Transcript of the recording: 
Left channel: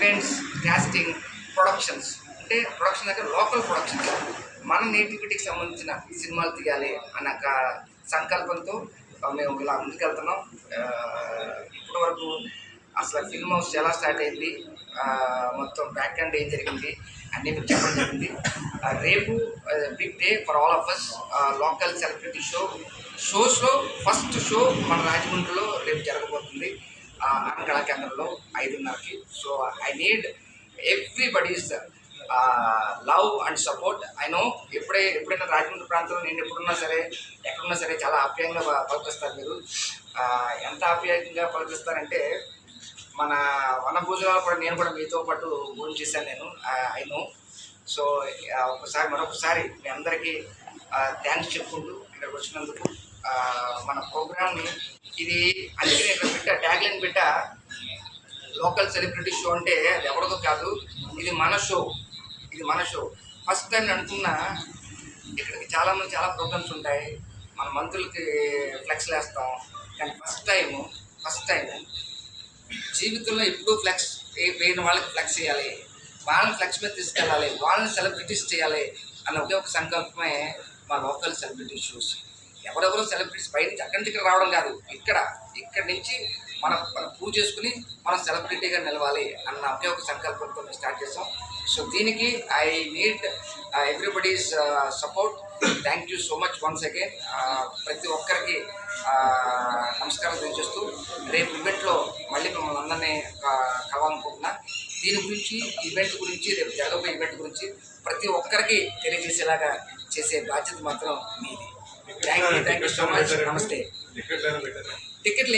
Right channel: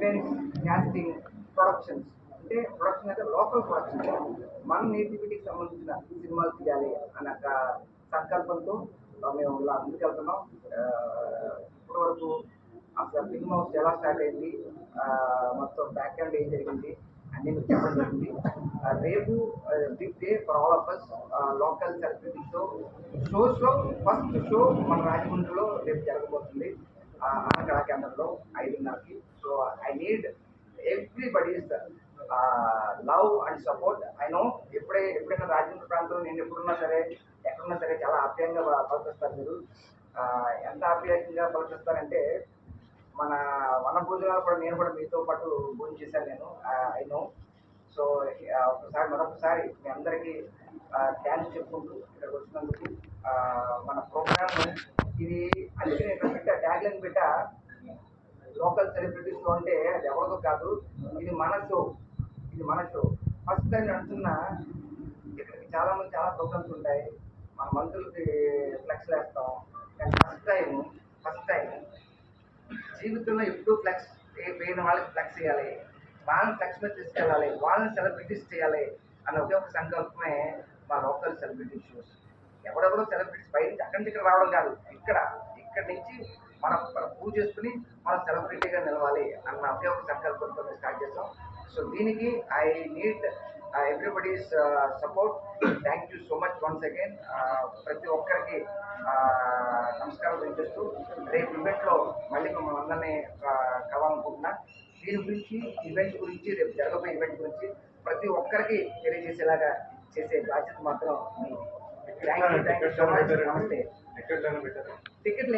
Events, casting, productions. అంటే production అంటే local productions, మన నేటివిటీకి సంబంధించిన సినిమాలు తీయాలి అన్న ఒక సంకల్పంతో మేము ఇలా ముందుకెళ్తున్నాం. ఇప్పటి వరకు అసలు ఫిల్మ్ హౌస్ ఎలా స్టార్ట్ అయింది, మొత్తం బ్యాక్ అండ్ ఏం జరిగింది అన్నీ మీకు చెప్పడం జరిగింది. రేపు big day for all of us. Local celebrity షోస్లో ఫస్ట్ షో మన రాజమండ్రిలో రేపు జరగబోతుంది, ఆనంద కళా కేంద్రంలో 5:30కి. So I need everybody's love and support. I know ఎప్పుడైనా రాజమండ్రి ప్రాంతంలో నేను ఎప్పుడున్నా సరే, ఎక్కడున్నా సరే చాలా ఆప్యాయంగా పలకరిస్తారు మీరు. ఎంత ఆప్యాయంగా పలకరిస్తారంటే మన వనభోజనాలు కూడా నేను కూడా మీతో పాటు భోజనం చేశాను నేను. I know. సో మరొకసారి మీ అందరికీ థ్యాంక్స్ చెప్పుకుంటూ ఇక్కడికి వచ్చినందుకు. మన ప్రోగ్రామ్ని ఇది అందుకే నేను ట్యాగ్లైన్ పెట్టా, లోకల్ సెలబ్రిటీ షో అంటే అది ఎవరిదో కాదు, ఇది మన షో. ఫస్ట్ టైం నేను అనుకున్నా, ఇక్కడికి చాలామంది చాలా ప్రోగ్రామ్స్ ఉంటాయి, మన మంత్రులకి ఫ్లెక్స్లు వేస్తాం, కానీ ఫస్ట్ టైం జీవితంలో ఎప్పుడూ ఫ్లెక్స్ వేయని వాళ్ళకి ఫ్లెక్స్ చేయాలి, వాళ్ళని ఫ్లెక్స్ మీద తీసుకెళ్ళాలి, వాళ్ళని సెలబ్రిటీస్ చేయాలి అన్న ఒకే ఒక సంకల్పమే మా లోకల్ సెలబ్రిటీ షోస్. ఎవరెవరో సెలబ్రిటీస్ బయట నుంచి అక్కడి నుంచి ఇక్కడ రావడం కాదు, ఇక్కడి నుంచి మనం ప్రూవ్ చేసుకుని మనం సెలబ్రిటీగా నిలవాలి అన్న ఒకే ఒక సంకల్పంతో మేము స్టార్ట్ చేసాం. సో దీనికి I need everybody's support. Thank you so much once again. ప్రతి ఒక్కరికి నమస్కారం తెలియజేస్తూ రేపు ఈవెంట్లో మళ్ళీ మిమ్మల్ని అందరినీ కావాలనుకుంటున్నా. దీని గురించి, ఈవెంట్ గురించి, రేపు జరగబోయే ఈవెంట్ గురించి ప్రతి ఒక్కరికి తెలియజేసేలాగా చేసే బాధ్యత మాత్రం మీది. Thank you so much. నమస్తే. టికెట్